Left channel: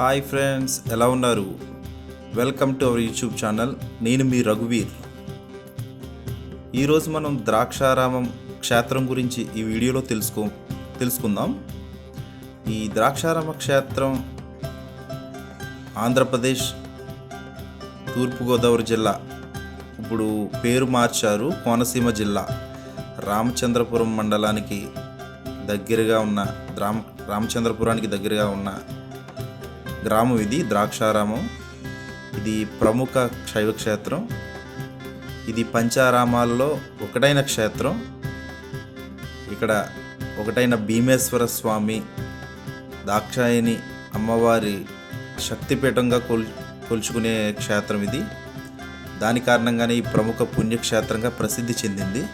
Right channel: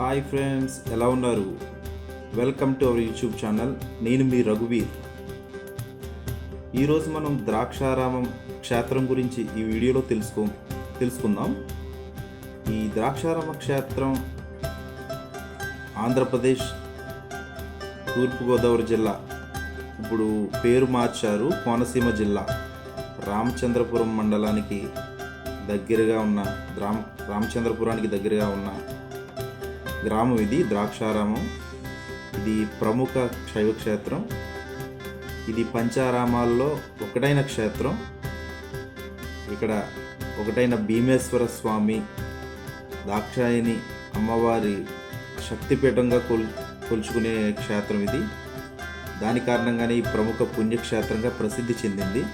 Hi friends, ఎలా ఉన్నారు? Welcome to our YouTube channel. నేను మీ రఘువీర్. ఈరోజు మనం ద్రాక్షారామం క్షేత్రం గురించి ఈ వీడియోలో తెలుసుకుందాం. ఈ ద్రాక్షారామ క్షేత్రం ఆంధ్రప్రదేశ్ తూర్పుగోదావరి జిల్లా, ఇప్పుడు పేరు మార్చారు, కోనసీమ జిల్లా రామచంద్రపురం మండలానికి దగ్గరగా ఉన్న రామచంద్రపురానికి దగ్గరగా ఉన్న గ్రామం ఇది ద్రాక్షారామం. ఇది ప్రముఖ శైవ క్షేత్రం. ఇది పంచారామాల్లో ఒకటైన క్షేత్రం. ఇక్కడ ఒకటైన భీమేశ్వర స్వామి, దాక్షాయణి అమ్మవారి శక్తిపీఠంగా కొలుచుకునే క్షేత్రం ఇది. దాని కారణంగానే ఈ ప్రముఖ పుణ్యక్షేత్రంగా ప్రసిద్ధి చెందింది.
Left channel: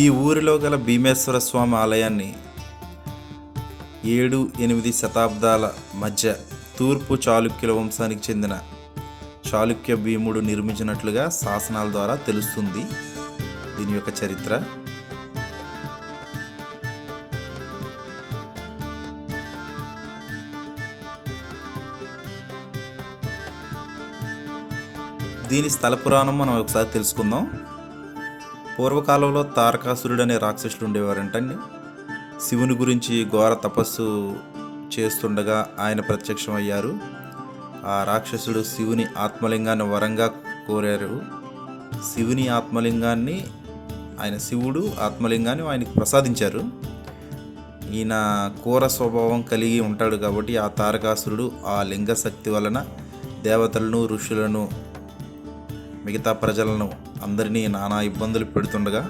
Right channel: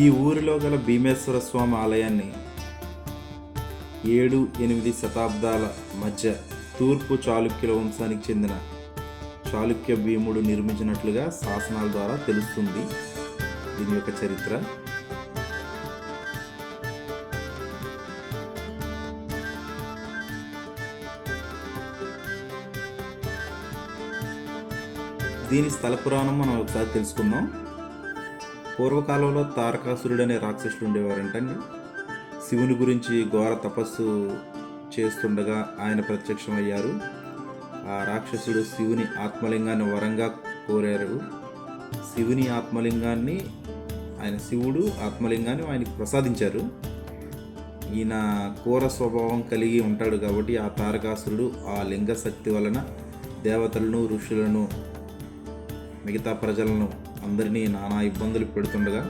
ఈ ఊరిలో గల భీమేశ్వర స్వామి ఆలయాన్ని 7-8 శతాబ్దాల మధ్య తూర్పు చాళుక్యుల వంశానికి చెందిన చాళుక్య భీముడు నిర్మించినట్లుగా శాసనాల ద్వారా తెలుస్తుంది దీని యొక్క చరిత్ర. దీని స్థల పురాణం మనం ఒకసారి తెలుసుకుందాం. పూర్వకాలంలో తారకాసురుడు అనే రాక్షసుడు ఉండేవారంటండి. శివుని గురించి ఘోర తపస్సు చేస్తుండగా ఆయన ప్రత్యక్షం అయ్యారు. ఆ రాక్షసుడు శివుని ఆత్మలింగాన్ని వరంగా కోరారు. శివుడు ఆత్మలింగాన్ని ఆయనకు ప్రసాదించారు. ఈయన క్రూర స్వభావం కలిగి ఉంటాడు కాబట్టి ఆ తారకాసురుడు ఆ లింగ శక్తి వలన దేవతలను, ఋషులను, మిగతా ప్రజలను అందరినీ నానా ఇబ్బందులు పెడుతుండగా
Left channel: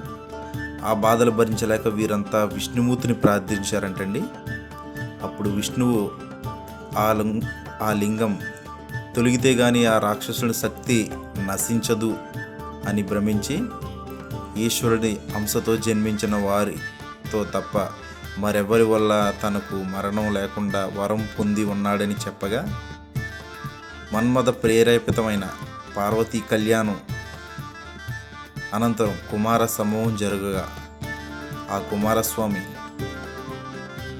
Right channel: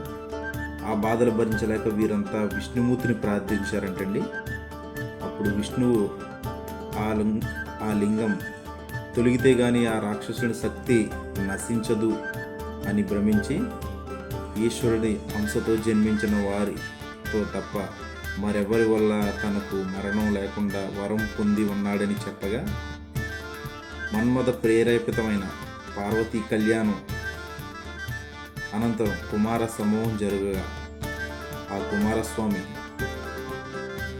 ఆ బాధలు భరించలేక వీరంతా విష్ణుమూర్తిని ప్రార్థించారంటండి. అప్పుడు విష్ణువు ఆ లింగం తొలగితే గాని ఆ రాక్షసుడి శక్తి నశించదు అని భ్రమించి ఈశ్వరుడి అంశతో జన్మించిన వారితో తప్ప మరెవరి వల్ల తనకు మరణం లేకుండా వరం పొంది ఉన్నాడని చెప్పగా మన్మథ ప్రేరేపితమైన పార్వతీ కళ్యాణం అనంతరం కుమార సమూహం జరగగా ఆ కుమారస్వామి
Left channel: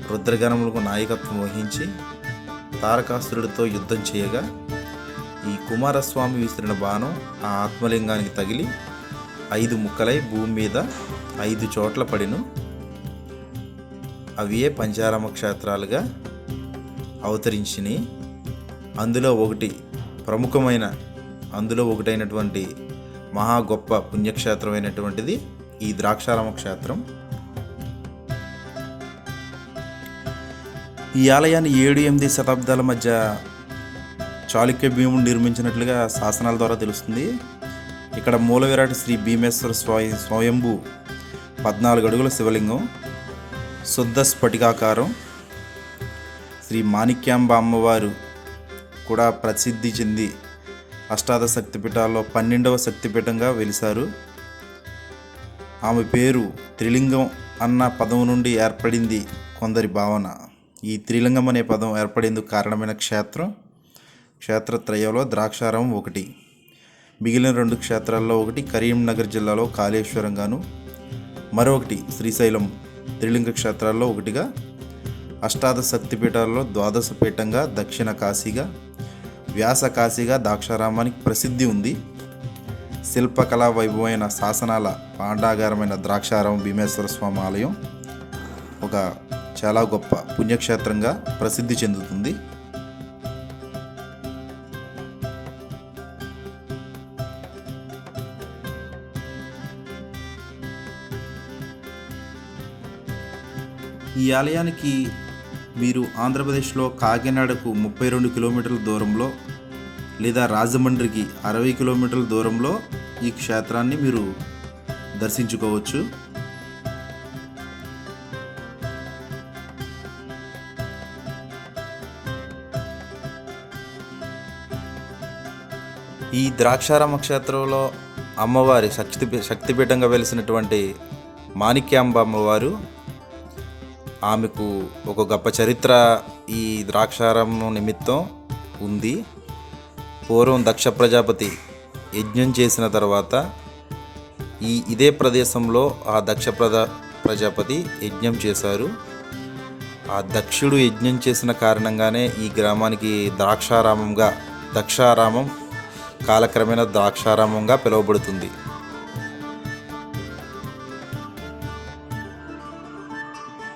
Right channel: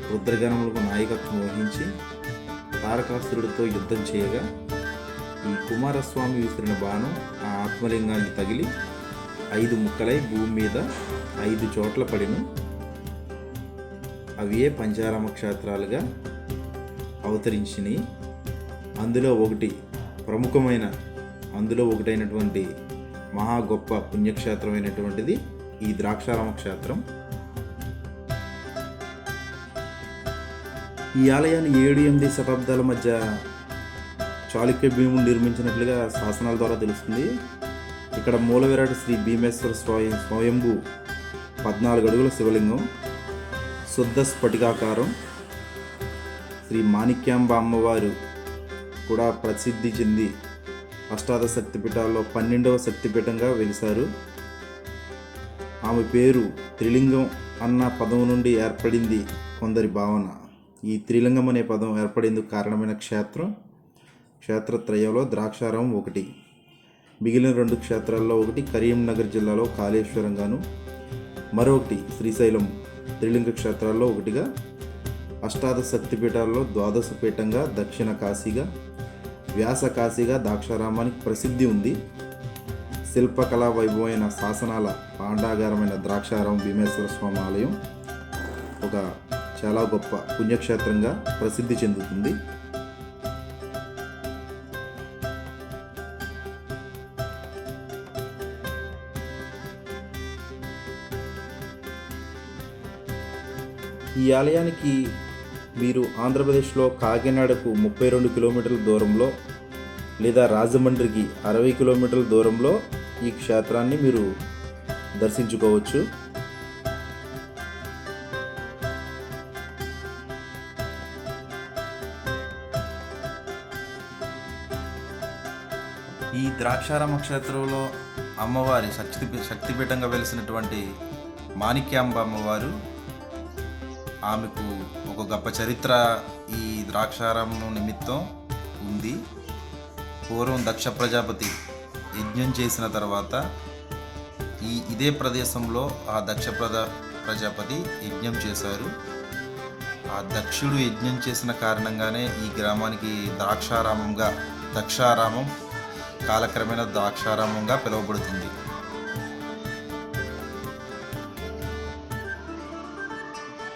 రుద్రగణములకు నాయకత్వం వహించి తారకాసురుడితో యుద్ధం చేయగా ఈ కుమారస్వామి విసిరిన బాణం ఆ ఆత్మలింగానికి తగిలి 5 ముక్కలై భూమి మీద 5 చోట్ల పడిను. అవే పంచారామ క్షేత్రాలుగా అవతరించినాయి. అందులో ఒకటైనటువంటి మహా గొప్ప పుణ్యక్షేత్రమైనటువంటిది ఈ ద్రాక్షారామ క్షేత్రం. ఈ ఆలయాన్ని 7-8 శతాబ్దాల మధ్య చాళుక్య భీముడు నిర్మించినట్లుగా శాసనాల ద్వారా తెలుస్తుంది. ఇక్కడ మూల విరాట్ శ్రీ భీమేశ్వర స్వయంభూ 14 అడుగుల శివలింగం, శుద్ధ స్ఫటికాకారం. శ్రీ మాణిక్యాంబ అమ్మవారు కూడా ప్రసిద్ధి చెంది అష్టాదశ శక్తిపీఠాల్లో 12వ శక్తిపీఠంగా వెలిశారు. ఆమె పేరు త్రిలింగం అన్న పదం నుండి ఏర్పడింది కొందరి భావన. ఈ త్రిలింగం అనే పదం ఏర్పడేందుకు కారణమైన క్షేత్రత్రయంలో ద్రాక్షారామం ఒకటి. మిగిలిన 2 క్షేత్రాల్లో ఒకటి కరీంనగర్ జిల్లాలో కాళేశ్వరంగాను, మరొకటి శ్రీశైలం త్రిలింగ క్షేత్రాల్లో ఒకటిగా, అష్టాదశ శక్తిపీఠాల్లో 12వ పీఠంగా దక్షిణ కాశీగా, వ్యాస కాశీగా ద్రాక్షారామానికి ప్రసిద్ధి ఉంది. శిల్పకళా వైభవమైన శాసనాల పాండాగారమైన ద్రాక్షారామం భీమేశ్వర స్వామి ఆలయం ఒక చాలా గొప్ప పుణ్యక్షేత్రంగా ప్రసిద్ధి చెందుతుంది. ఈ ఆలయానికి మీరు ఆంధ్రప్రదేశ్లో కాకినాడకు 32 కిలోమీటర్ల దూరంలో లేదా రాజమండ్రికి 60 కిలోమీటర్ల దూరంలో ఈ క్షేత్రాన్ని మీరు దర్శించుకోవచ్చు. ఈ ద్రాక్షారామ క్షేత్రంలో అమ్మవారి శక్తిపీఠంగా వెలిసినటువంటి మాణిక్యాంబ అమ్మవారు, ఆమెకు ఒక గొప్ప చరిత్ర ఈ ద్రాక్షారామం నిమిత్తం ఉంది. పూర్వం దక్ష ప్రజాపతి యజ్ఞం చేసిన తర్వాత ఇదే ప్రదేశంలో ఆ ప్రజాపతి యజ్ఞం చేశారు. ఆ దక్షుడు యజ్ఞం చేసిన కారణంగానే ఈ గ్రామానికి దక్షారామం కాలక్రమేణా ద్రాక్షారామంగా పిలువబడుతుంది.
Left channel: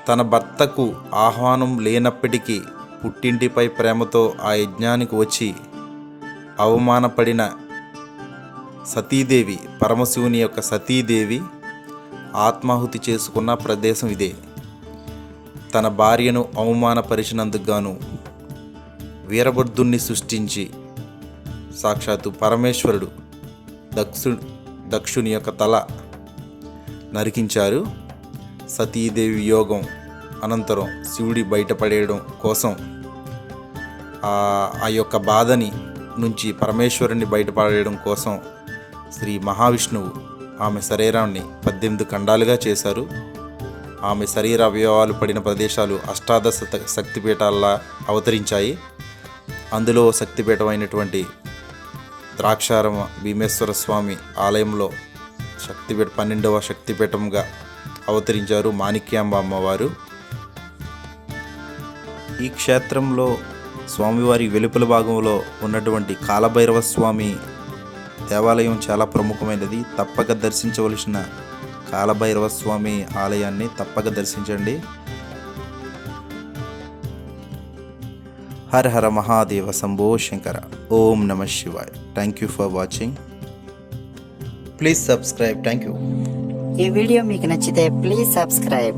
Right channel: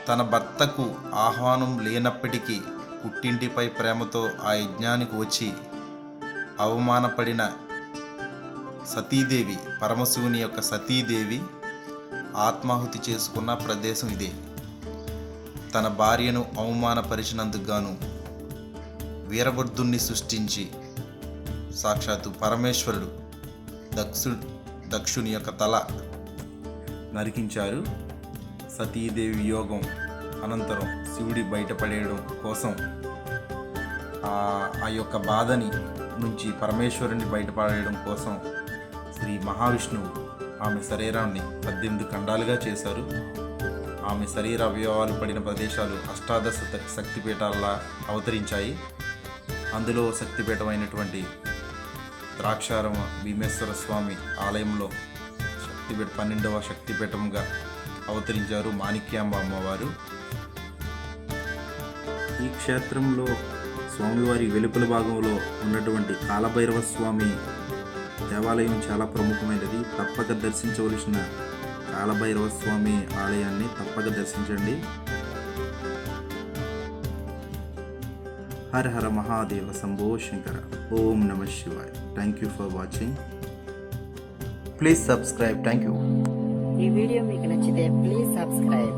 తన భర్తకు ఆహ్వానం లేనప్పటికీ పుట్టింటిపై ప్రేమతో ఆ యజ్ఞానికి వచ్చి అవమానపడిన సతీదేవి, పరమశివుని యొక్క సతీదేవి ఆత్మాహుతి చేసుకున్న ప్రదేశం ఇదే. తన భార్యను అవమానపరిచినందుకు గాను వీరభద్రుణ్ణి సృష్టించి సాక్షాత్తు పరమేశ్వరుడు దక్షుని యొక్క తల నరికించారు. సతీదేవి యోగం అనంతరం శివుడి బయటపడేయడం కోసం ఆ యొక్క బాధని నుంచి పరమేశ్వరుని బయటపడేయడం కోసం శ్రీ మహావిష్ణువు ఆమె శరీరాన్ని 18 ఖండాలుగా చేశారు. ఆమె శరీర అవయవాలు పడిన ప్రదేశాలు అష్టాదశ శక్తిపీఠాల్లా అవతరించాయి. అందులో శక్తిపీఠమైనటువంటి ద్రాక్షారామ భీమేశ్వర స్వామి ఆలయంలో 12వ శక్తిపీఠంగా అవతరించారు మాణిక్యాంబ అమ్మవారు. ఈ క్షేత్రంలో స్వామివారి వెలుపల భాగంలో ఉన్నటువంటి కాలభైరవ స్వామి దేవాలయం చాలా ప్రముఖమైనది. తప్పక దర్శించవలసిన కాలభైరవ స్వామి ఆలయాన్ని తప్పక దర్శించండి. హర హర మహాదేవ శంభో శంకర. ఓం నమ శివాయ. Thank you for watching. Please subscribe. Thank you. ఈ వీడియో మీకు నచ్చితే ప్లీజ్ సబ్స్క్రైబ్.